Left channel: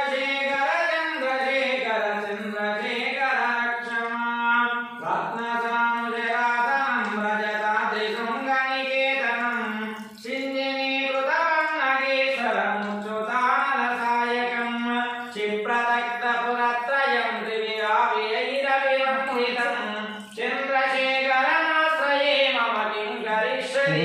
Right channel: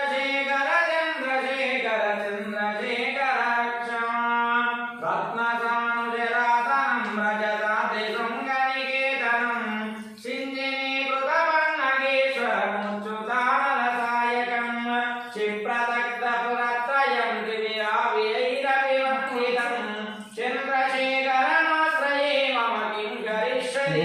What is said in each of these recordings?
చంద్రశేఖర చంద్రశేఖర చంద్రశేఖరాక్షమా రత్న సాంజరాతం రజతాది శృంగనికేతనం సింజనీకృత వర్ణగేశ్వరముచ్యుతానల సాయకం క్షిప్రదగ్ధ పురత్రయం దివ్యావ్యైరవిరంహితం చంద్రశేఖరమాశ్రయే మమ కిం కరిష్యతి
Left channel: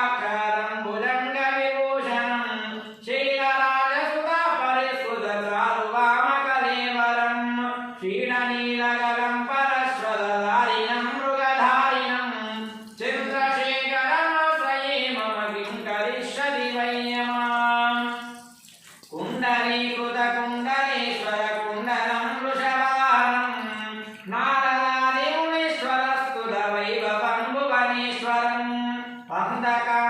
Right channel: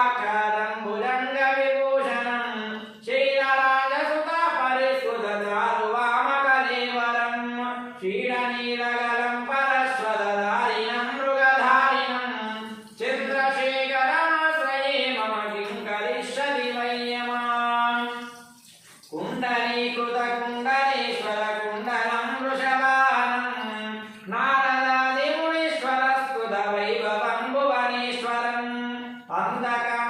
Mandaka.